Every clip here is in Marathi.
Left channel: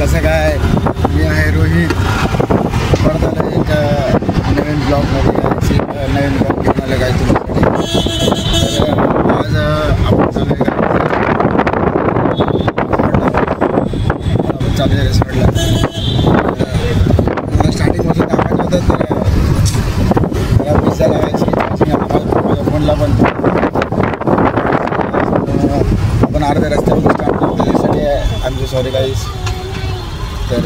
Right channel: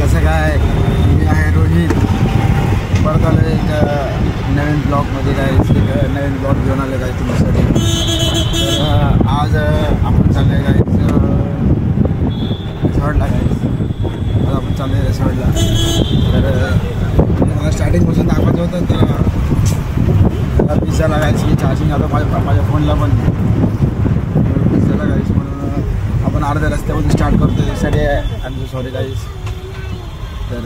कसं काय, मी आहे रोहित. परत आलं एक नवीन ब्लॉगमध्ये काय एक नवीन ब्लॉग घेऊन आलं काय तुमच्यासाठी. तर आज आपण चालू आहे काय रिसॉर्टला. आज आपण चालू आहे रिसॉर्टला. मला स्टार्टिंगपासून दाखवायचं होतं तर मला पिझ्झा लागायची चार्जिंग आता माझ्या फोनला पण. आपण अर्ध्या रस्त्यावरून स्टार्ट करतो त्यासाठी आय एम सॉरी गाईज. तर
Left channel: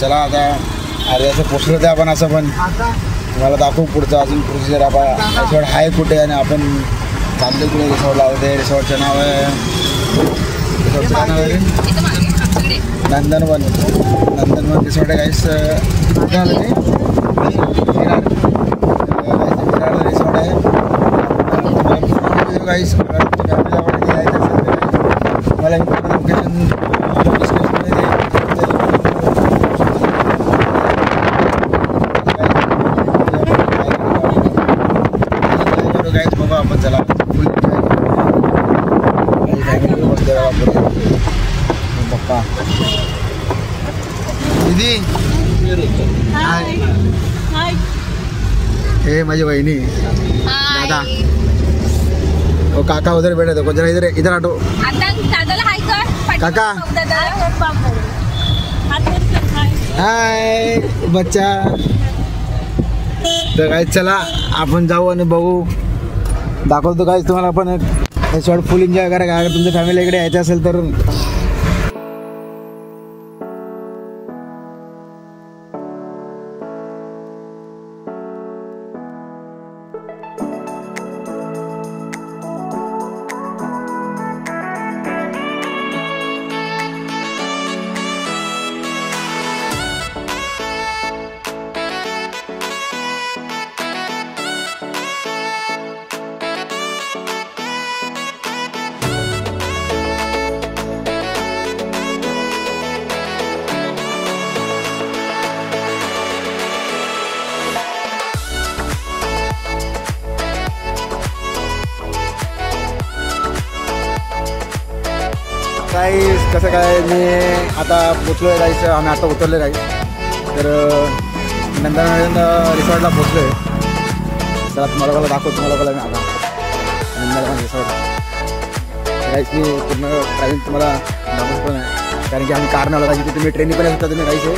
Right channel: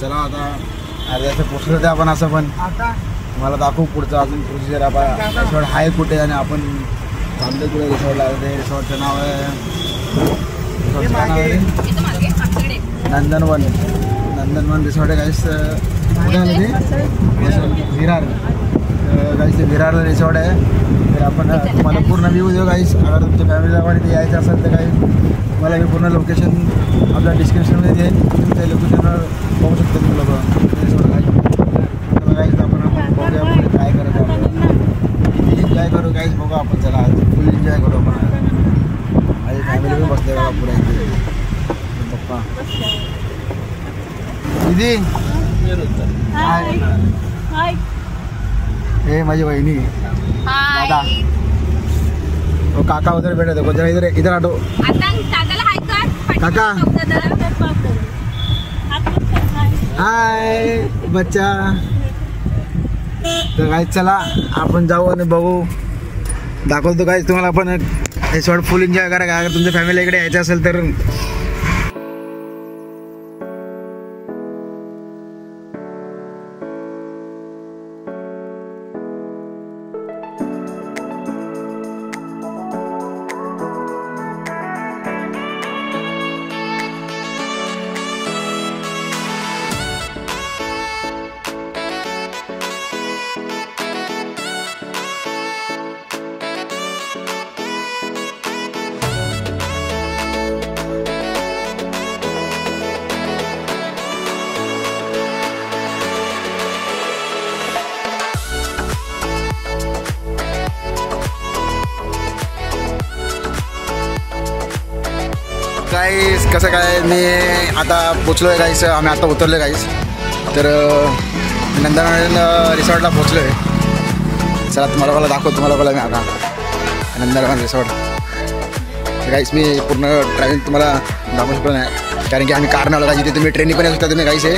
चला आता अर्ध्याचं पोचलं ते आपण असं पण मला दाखवू पुढचं अजून प्रोसिजर. आपण रिसॉर्ट आहे कुठे आणि आपण चाललो कुठे रिसॉर्टला. ते रिसॉर्टचं नाव आहे नंदनवन. नंदनवन रिसॉर्ट आहे गाईस. कुठे आलं ते विरार गाईस. विरारला रिसॉर्ट आहे. आपण मला पूर्ण व्ह्यू देऊ गाईस. फॅमिलीला वाटते यायचं असेल तर गाईस मला मी पूर्ण लोकेशन आपल्या डिस्क्रिप्शनमध्ये देईन. त्या लोकेशनवर जाऊ शकतो एन्जॉय करू गाईस. बघू आपण चला फुल एन्जॉय करू. माझी फॅमिली पण बघते बघा पुढे. पप्पा दीदी हाय. हे माझी बहिणी दादा. ओ काका उधर बैठे देखो जरा. इधर इधर आटो काका. हाय बच्चा. तर काय चला आपण जाऊ आणि बघू दाखवतो काय तुम्हाला. पण हे शॉर्ट फुल एन्जॉय करा काय. अगर तुमच्या फॅमिली इकडे यायचं असेल तर गाईस. कसं काय मी आता पोचलो आहे गाईस. आम्ही आता उतरलो आहे गाईस. तर नंदनवन रिसॉर्टला पोचलो आहे. चला तुम्हाला दाखवतो. तुम्हाला मी आता नंदनवन रिसॉर्ट गाईस. मी पूर्ण ट्रॅव्हलिंग तुम्हाला दाखवू शकतो नाही कारण की आम्ही कारने आलो. जिथे तुम्ही ट्रेननी पण येऊ शकता तुम्ही गाईस. हे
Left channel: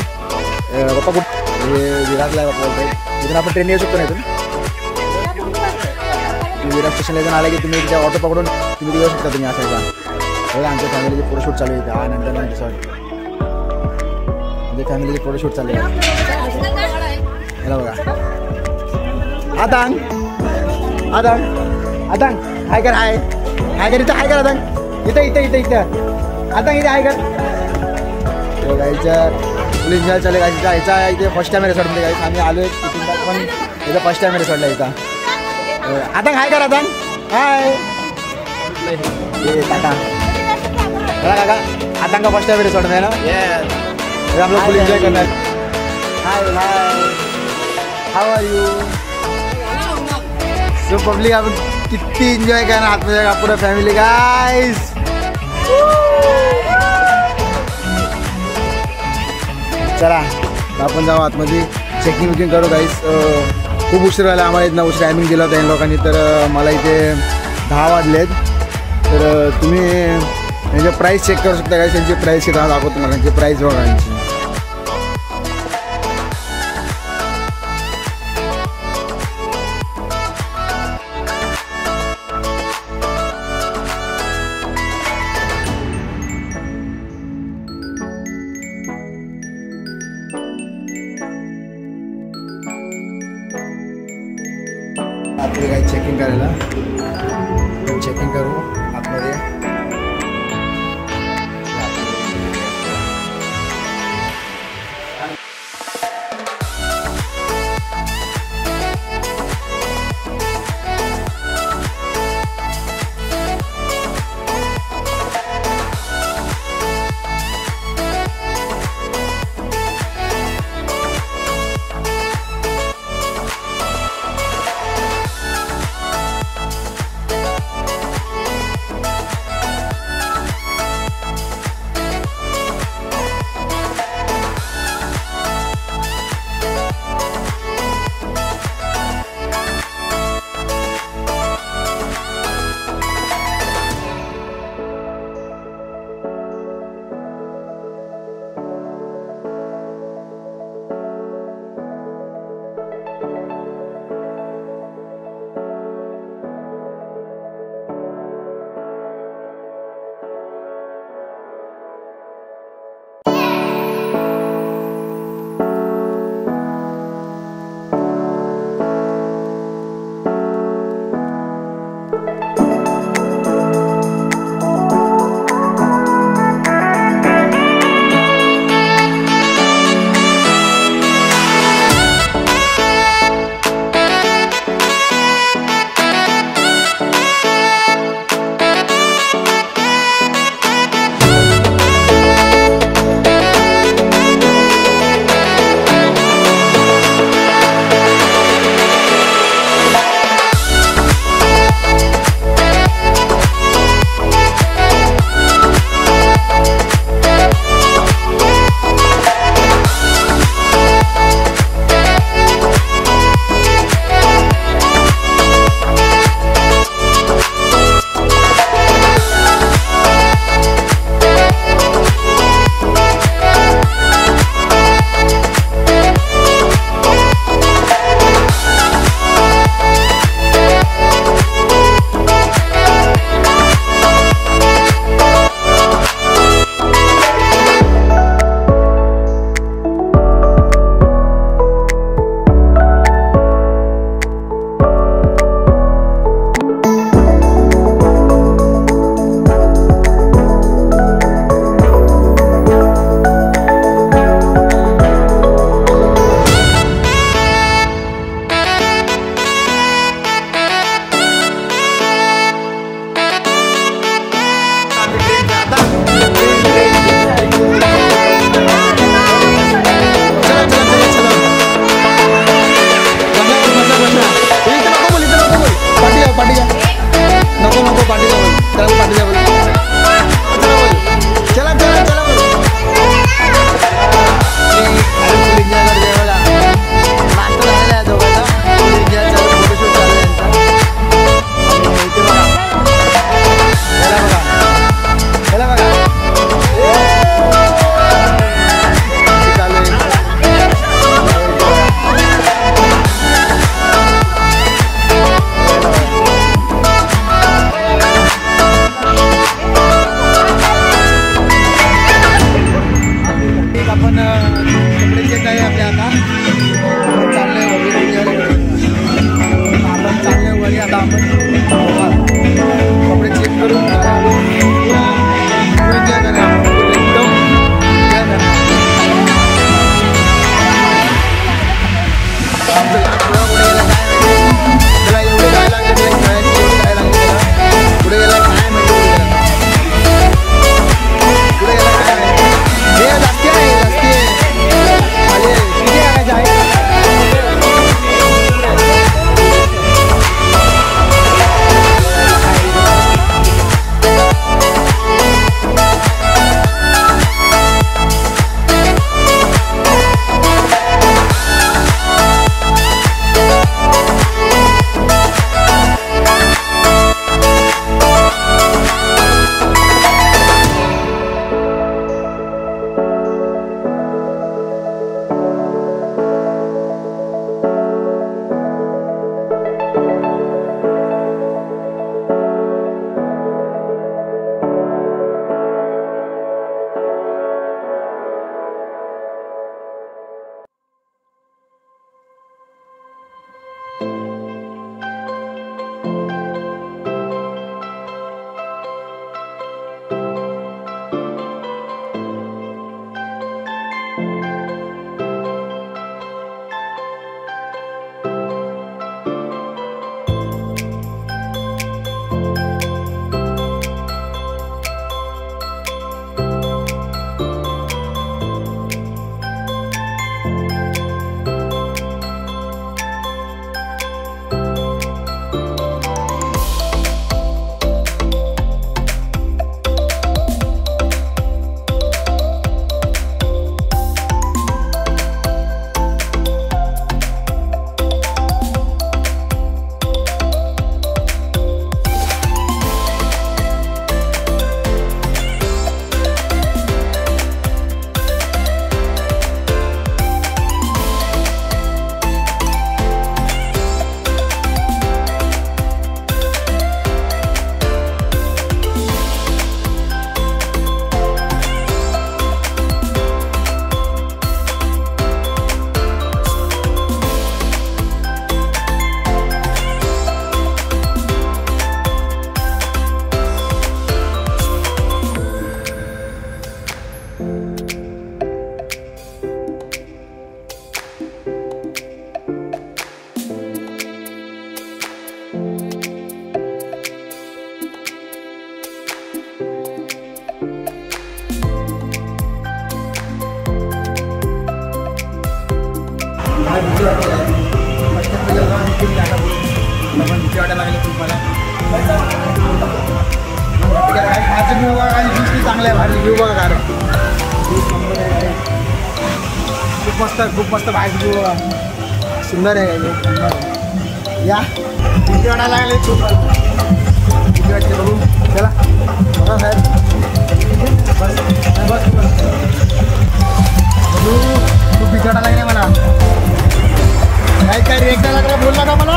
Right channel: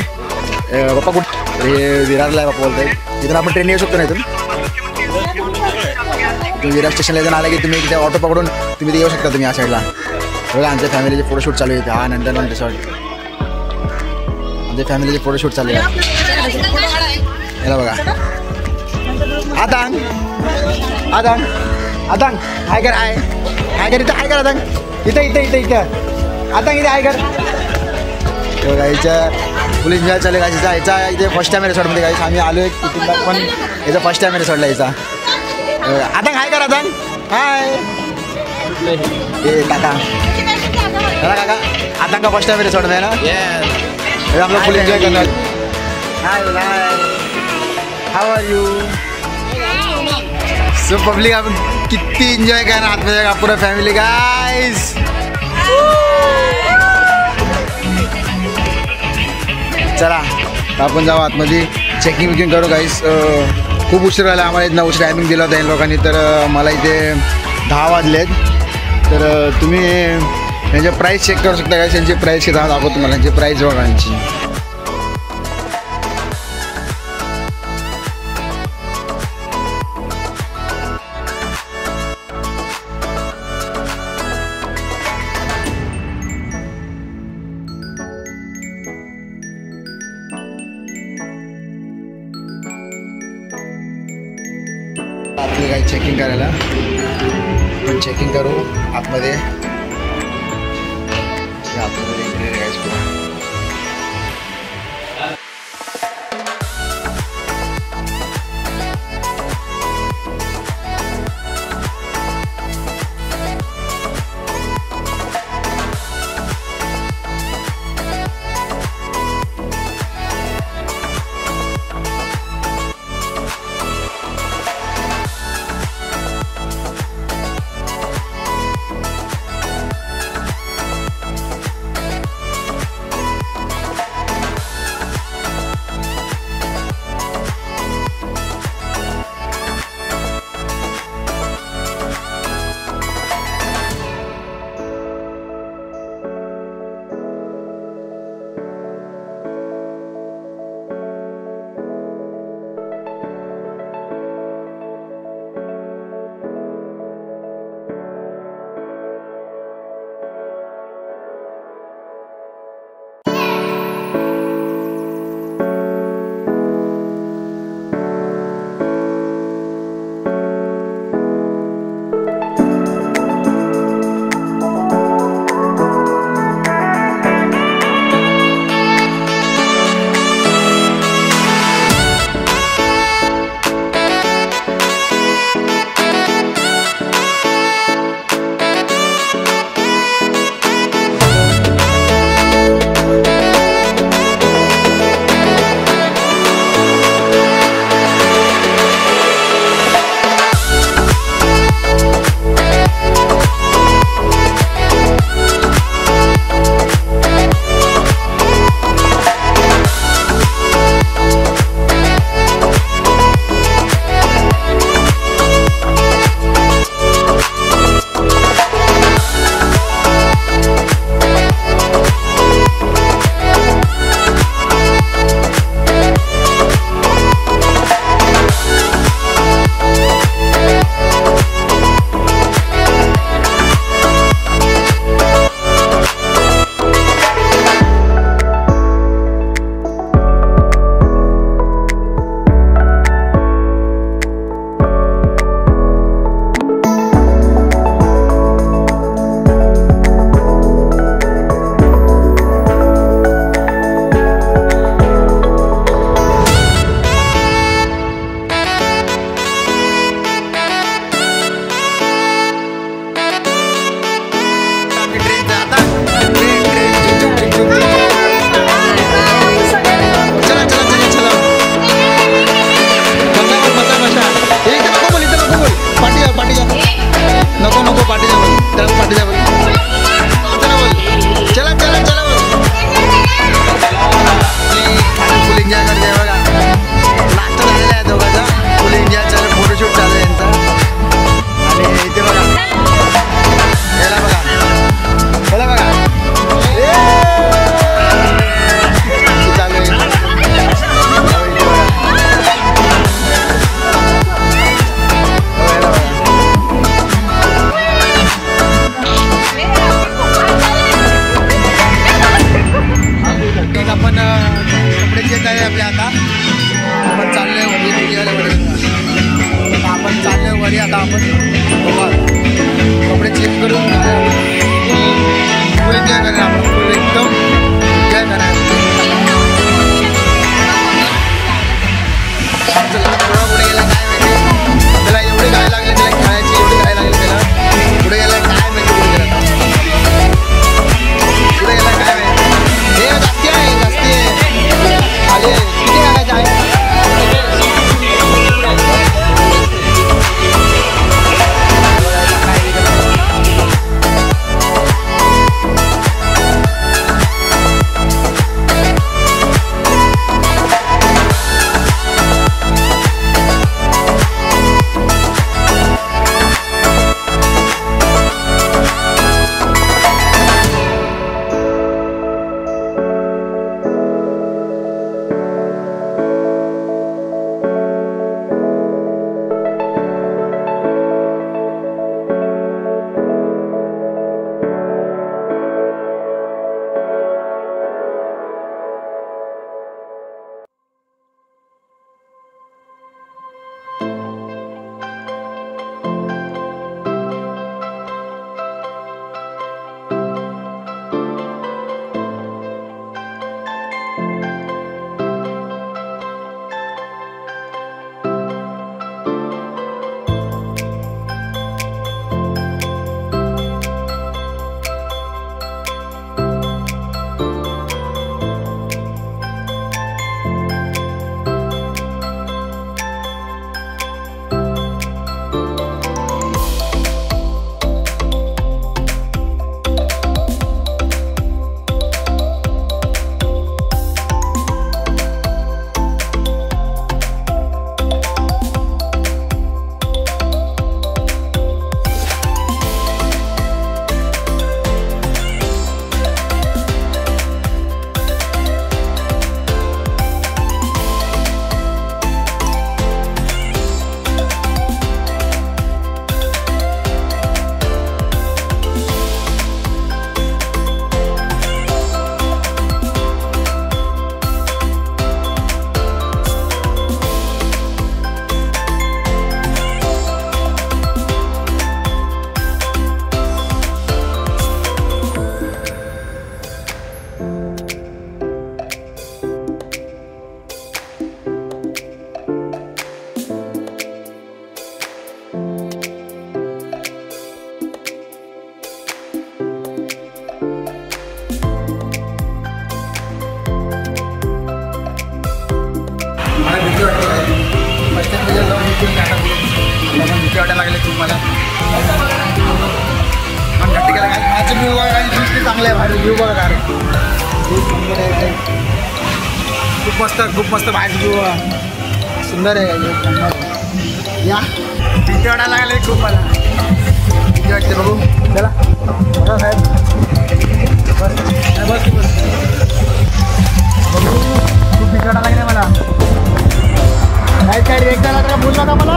पप्पा कुठं हे विरारला आहे पप्पा बोलताय. तिथून आपण ट्रेन येऊ शकतो नाही. तुम्ही विरार स्टेशनला जण आला की तुम्ही तिथे ऑटो पकडून तुम्ही ते येऊ शकता तुम्ही या साईडला. बघा आमच्या फॅमिलीचे फोटोशूट चालू आहे. हा नंदनवन रिसॉर्ट. आमच्या फॅमिलीचे फोटोशूट चालू आहे. याला बघा. आतांग आतांग आतांग हाय कर. हाय हाय कर. इथं हाय कर आतांग. इथं इथं इथं इथं आतांग इथं हाय कर. गाईच्या फुल एन्जॉय चालू आहे. यायचा इथे फर्स्ट टाईम आहे रिसॉर्टमध्ये गाईस. आम्ही आलो आहे तिथून पण याचा फर्स्ट टाईम आहे रिसॉर्टला यायचा. आतांग हाय कर. आतांग हाय. हे काका काका आतंक का फर्स्ट टाइम रिसॉर्ट में ना. ये हम लोग फुल एंजॉय करना है. Hi hi how are you. So public आपण किती एंजॉय करना हाथ में पूरा फॅमिली गाइस. चला आपण जाऊ आतमध्ये. चेकिंग विकिंग करू गाईस. खूप उशीर झाला आम्हाला. इथं उशीर टायमिंग दिला होता इन लोकांनी. तर मला इथे 10 वाजलेत. तर तुम्ही यांचे प्राईस चेक करू शकता काय. यांची प्राईस किती दाखवतो तुम्हाला. यांची प्राईस बघा यांची. आपले काही चेकिंग करायला पण चेकिंग करू आतमध्ये. आहे आपले आता आपण चाललोय वरी आपण चाललोय वरी आता आपण कपडे चेंज करून फुल एन्जॉय करा आपण फुल एकदम एन्जॉय करा आमचं लहान थोडा पुढे गेला काय माहिती त्याला एवढी गाय लागली त्याला खेळायची एवढी गाय लागली त्याला पुढे गेला काय माहिती पुढे गेला काय माहिती हे जास्ती आहे अरे किती लागायचे आहे भीती वाटते काय फर्स्ट टाइम जाऊन भीती वाटायला लागले तुम्हाला घट्ट केला काय माझं व्ह्यू बघा आणि दृष्टी चांगले आहे माझं व्ह्यू बघा काय खूप मस्त बाहेर व्ह्यू बघा सुंदर आहे या भीती वाटायला लागले खूप मला भीती वाटते बघू चला बघा साहेब बस बघू खूप भीती वाटायला लागले मला काय रिएक्ट लागला बोलला का मला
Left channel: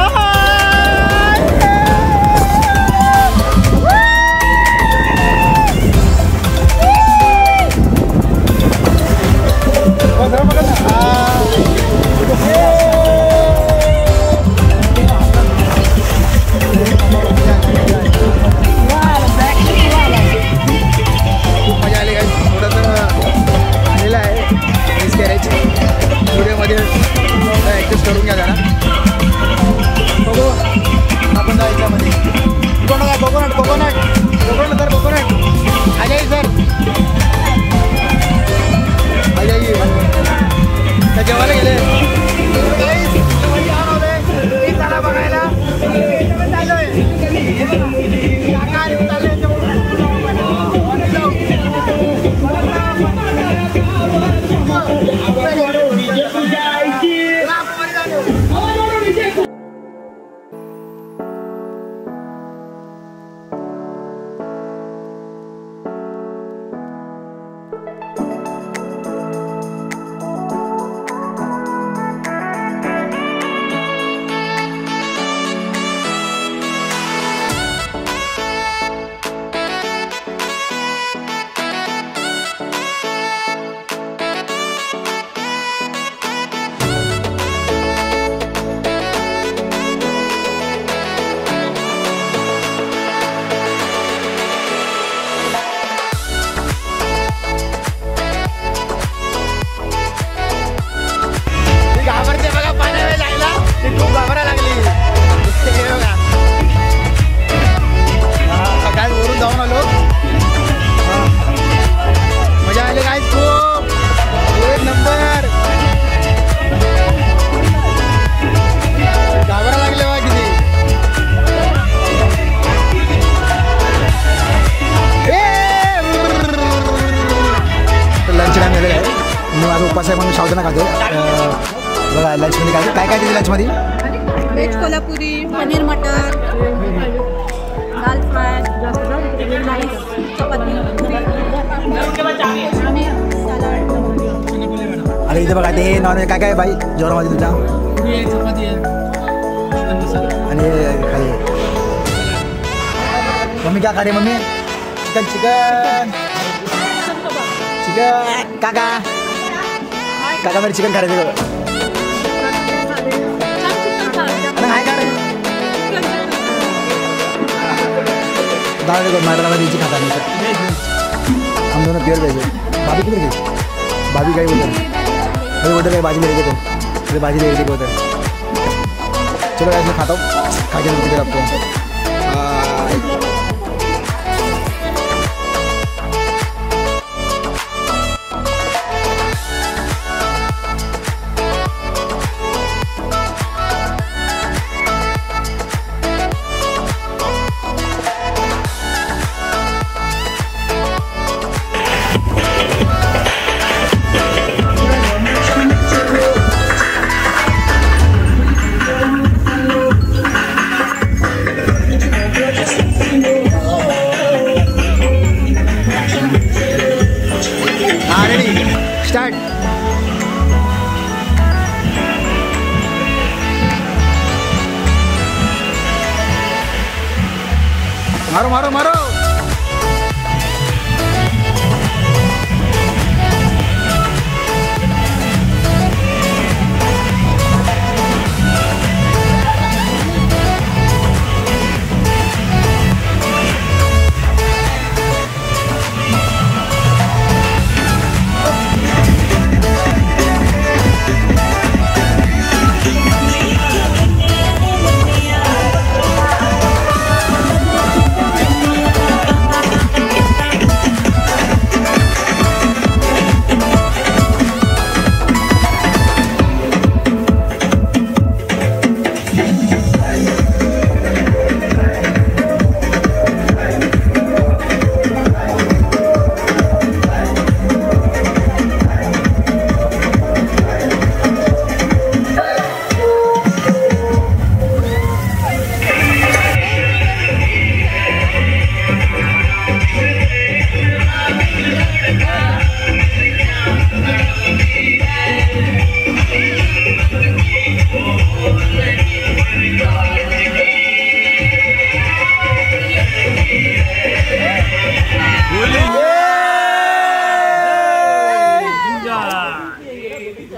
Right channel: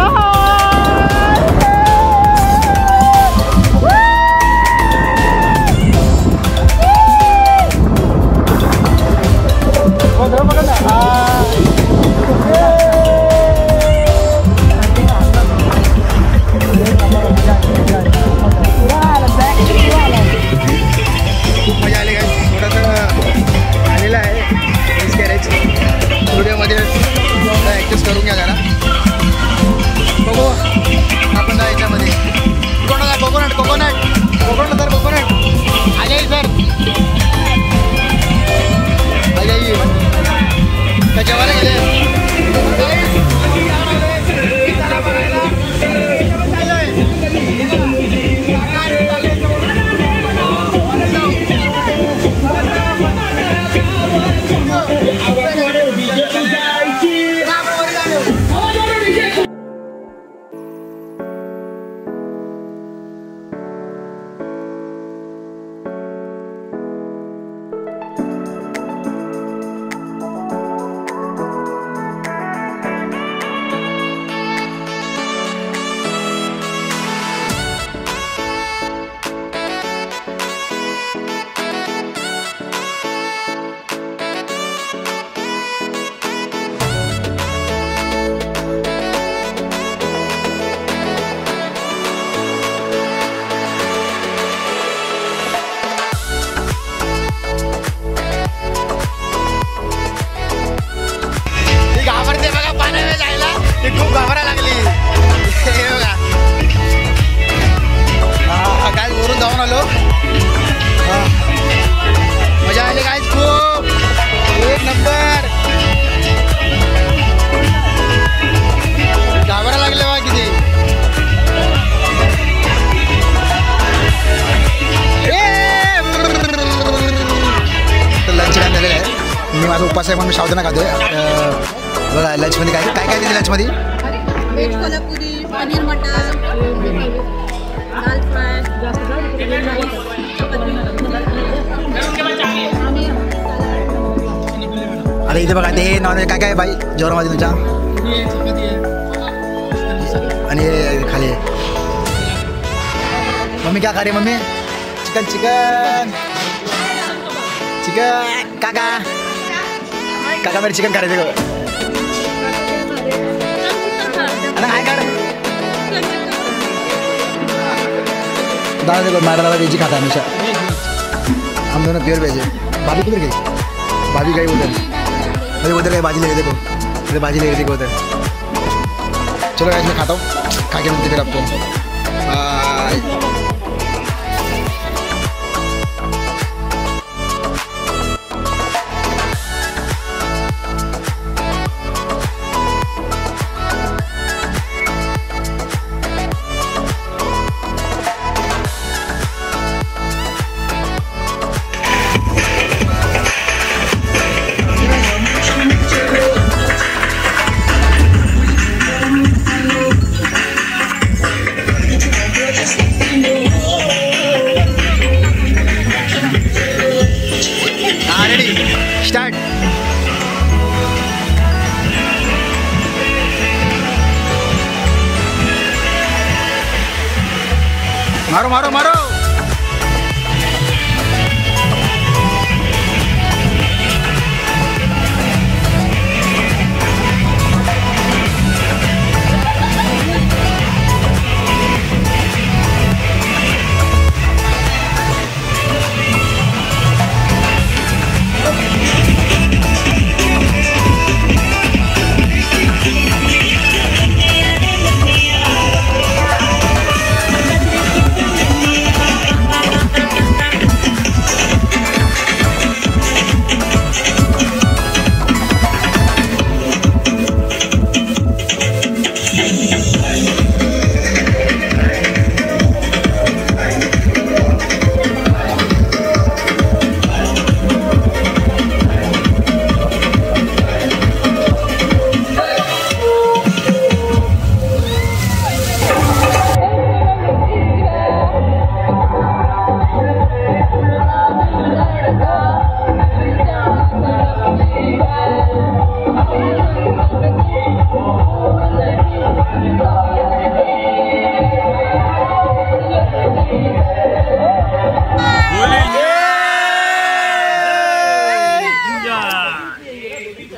खूप मजा आली काय थोडंसं आलेलं आहे मिस करायची व्हिडिओमध्ये ॲडजस्ट करून घ्या जरा बघू आपण जा याच्यामध्ये कोकोनट सर कोकोनट आ जाई सर आ जाइए त्या जेवायला गेले त्याला बघायला खूप घाबरा लागली हे बघा काय वरून जाऊन आलो मजा आली काय खूप एक नंबर घाबरा लागले बा किती तर लंच टाइम झालेला आहे मी माझा उपास आहे म्हणून सावधान खातोय बघा लंचमध्ये काय काय काय दिलं लंचमध्ये व्हेज कोल्हापुरी पनीर मटर दाल फ्राय अरे इथे बघा ते नॉनव्हेज काय काय बाई जेवणामध्ये तुझ्या आणि खाली मम्मी क्या खा रही मम्मी चिकन चिकन चिकन काका काका मेरे चिकन खा रहे थे हाय कर दाल देखो नागरा वेज खाता हमेशा हम दोनों प्योर वेज है भाभी किधर गई भाभी गई उधर अरे उधर गई बाजी ले रही देखो अरे बाजी ले रही देखो उधर चलो मैं खाता हूँ खा के मिलते फिर आपको स्टार्ट मारो मारो मारो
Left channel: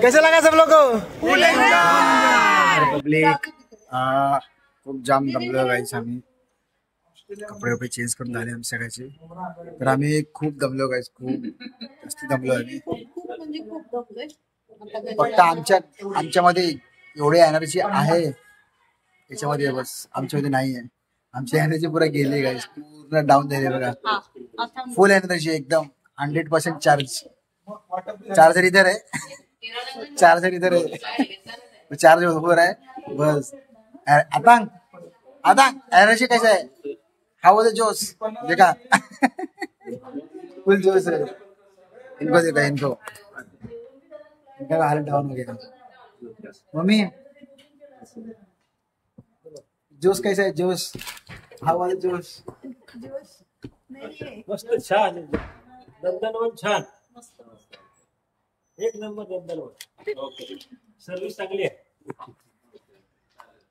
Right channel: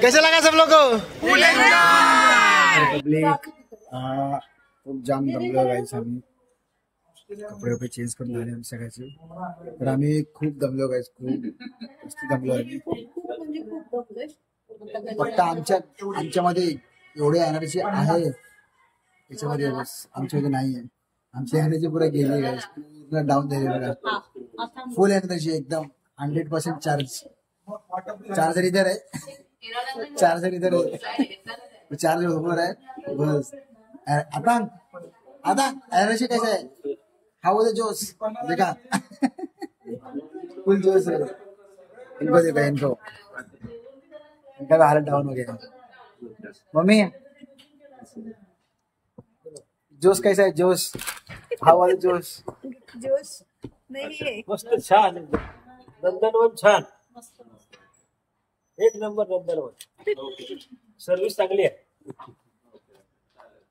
कैसे लगा सब लोग को पब्लिक खूप जाम दमलो गाईस आम्ही कपडे वपडे चेंज करून झाले आम्ही सगळ्याचे तर आम्ही खूप दमलो गाईस खूप जास्त दमलो आम्ही फक्त आमच्यामध्ये एवढी एनर्जी आहे त्याच्यामध्ये बस आमच्यामध्ये नाही आहे आमची एनर्जी पुरा गेली गाईस पूर्ण डाऊन झाली बघा फुल एनर्जी एकदम 100% चार्जर इधर है चार्जर इधर है चार्ज हो रहा है बस अतांग अतांग एनर्जी कैसा है हाउ वाज द जोश देखा फुल जोश है इनको देखा इनका हालत डाउन हो गया मम्मी जोश कैसा है जोश हाउ वाज द जोश जोश नहीं है मस्त छान नंदनवन छान एक नंबर नंदनवन सर्विस चांगली आहे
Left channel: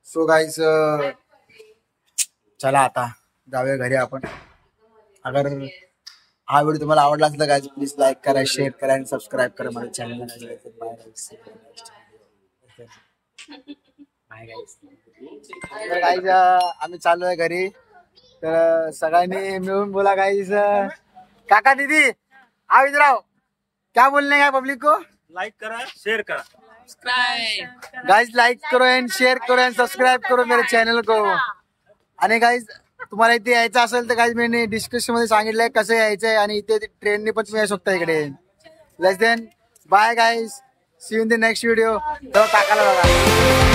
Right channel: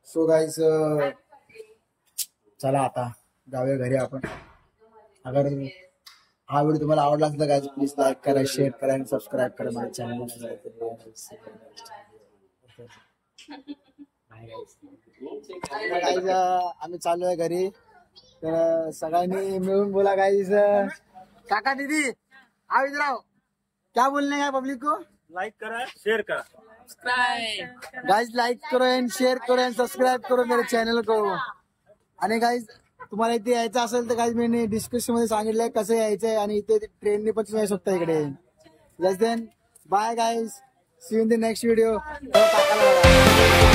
सो गाइस चला आता जाऊया घरी आपण अगर हा व्हिडिओ तुम्हाला आवडला असेल तर गाइस प्लीज लाईक करा शेअर करा आणि सबस्क्राईब करा माझ्या चॅनलला गाइस आम्ही चालू आहे घरी तर सगळ्यांनी मिळून बोला गाइस काका दीदी आओ इधर आओ क्या बोलने का पब्लिक को लाइक करा शेअर करा सब्सक्राइब गाइज लाइक करो एंड शेअर करो एंड सबस्क्राईब करो मेरे चॅनल को. आणि गाइज तुम्हाला इथे यायचं असेल तर गाइज मी डिस्क्रिप्शन मध्ये सांगितलंय कसं यायचंय आणि इथे ट्रेनने पण तुम्ही येऊ शकता इकडे. Let's then bye guys, see you in the next video. टाकायला बघा.